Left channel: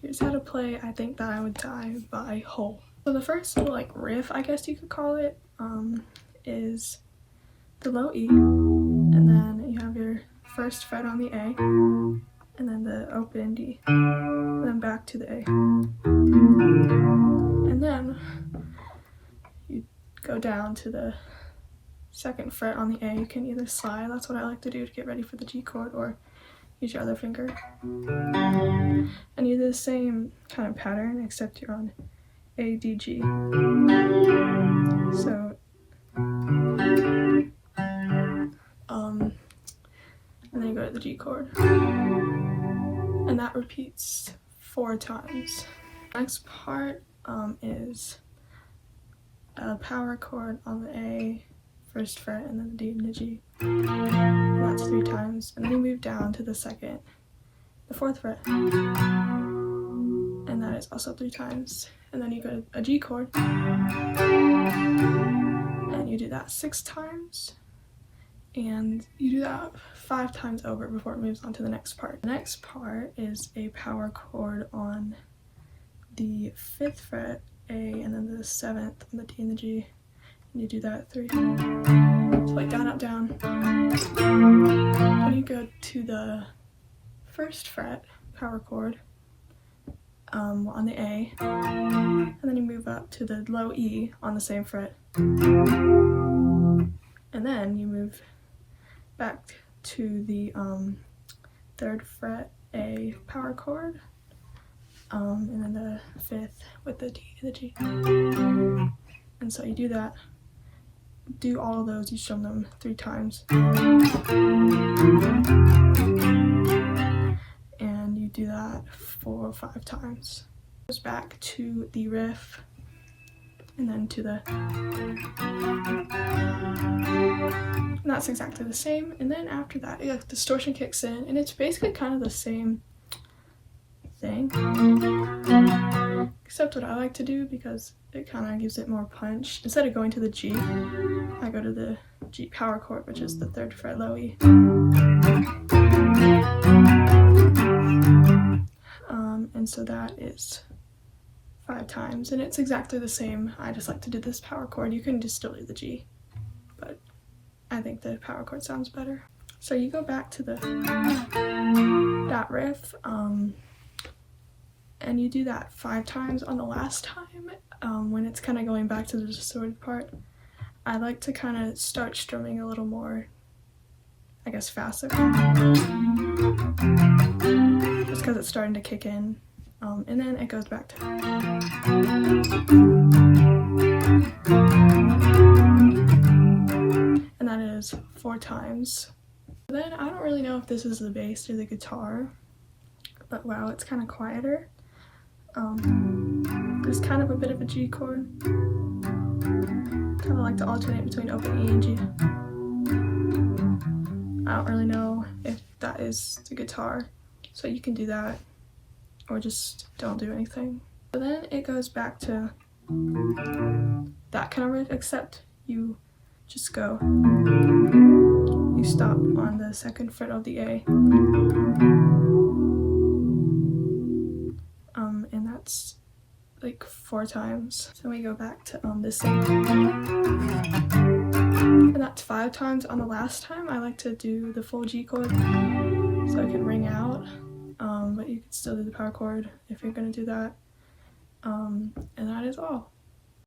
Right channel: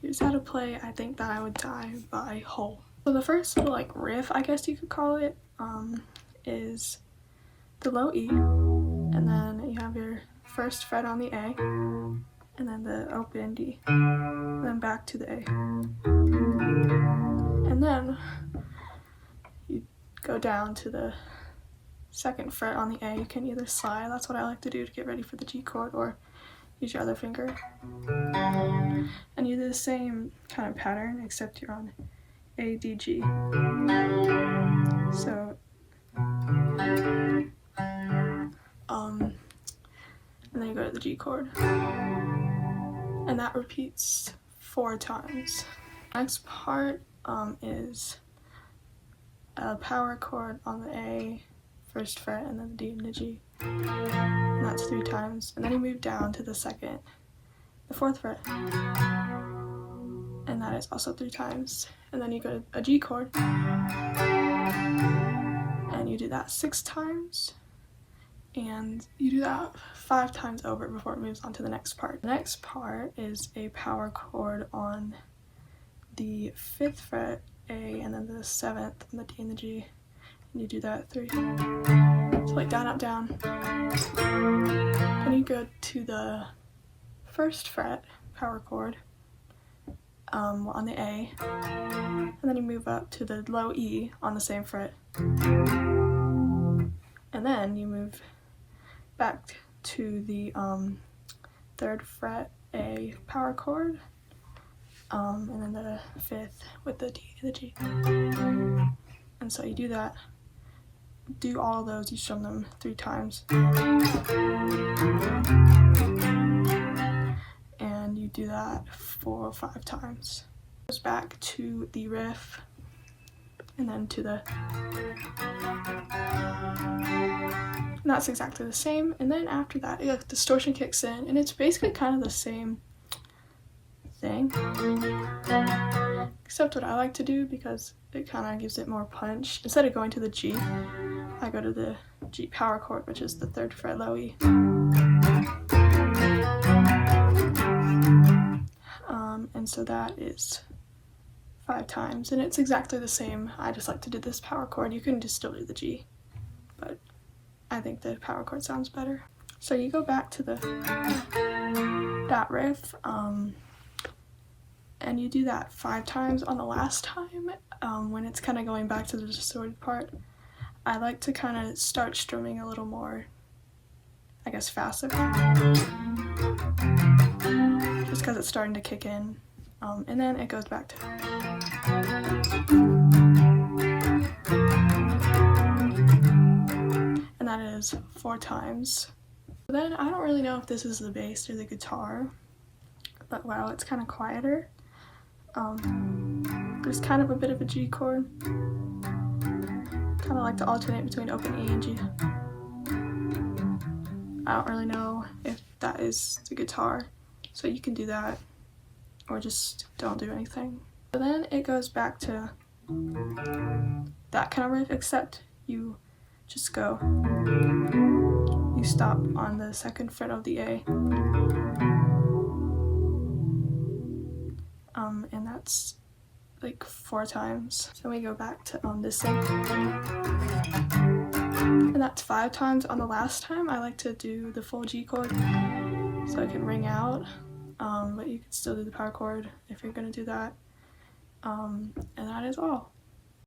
here's how to play I Think That I Would Die by Hole. So the first little like riff, I guess you could call it, is the low E, and then you have your first fret on the A, and then the open D, and then back to the A. And then you go down to the second fret on the A. You can either slide, that's what I like to do to get ready for the G chord, or use your other finger. And you do the same kind of pattern, except you're on A, D, G. So, and then you go to the G chord. And that repeats 4 times. Next part is a power chord on the A, first fret, and then the D and the G. And that's 3 times. And then you move down to the 4th fret. And that is also 3 times. And then you go to a G chord. And you do that 6 times. And you do that 5 times over before it moves on to the next part. The next part is a power chord on the 5th fret A, and then the 7th on the D and the G. And you do that 3 times. So like down, up, down. Then you go to the 1st fret power chord on the A, and then you move up to the low E on the same fret. And then you move back to the 3rd fret A power chord, and then the 5th with the D and the G. And so you do that, do all of those, you strum them 3 times. And you do that 4 or 5 times. Goes back to the riff, and then to the, and that's exactly the same. And then after that, distortion kicks in, and it's basically kind of the same thing, except what I like to do, because it kind of gives it more punch, instead of going to the G, I go to the G power chord, which is the 3rd fret low E. And so that is 5 times, and it's exactly the same. I just like to do this power chord. You can just still do the G, but I think the power chord sounds better. So you go back to that riff, and you do that 5 times. On the last time, when it's kind of going back to the distorted part, I like to kind of start strumming a little more, I guess, faster, just because it's starting to kick in. And then it goes back to, and that is 4 times. Then I don't really know if this is the bass or the guitar, but wow, it's kind of quieter. There's kind of a bit of a G chord. Kind of like to alternate between open E and G. I don't really know if that is the guitar, so you can do that, or just don't do anything. So then it goes back to that kind of riff, except you just go, you stop on the 2nd fret of the A, and that's like 4 times. So we go back to this thing, and that's 5 times. On the last time, I like to do the full G chord, so it can ring out. But you can still do the power chord if you're gonna do that. And that is all.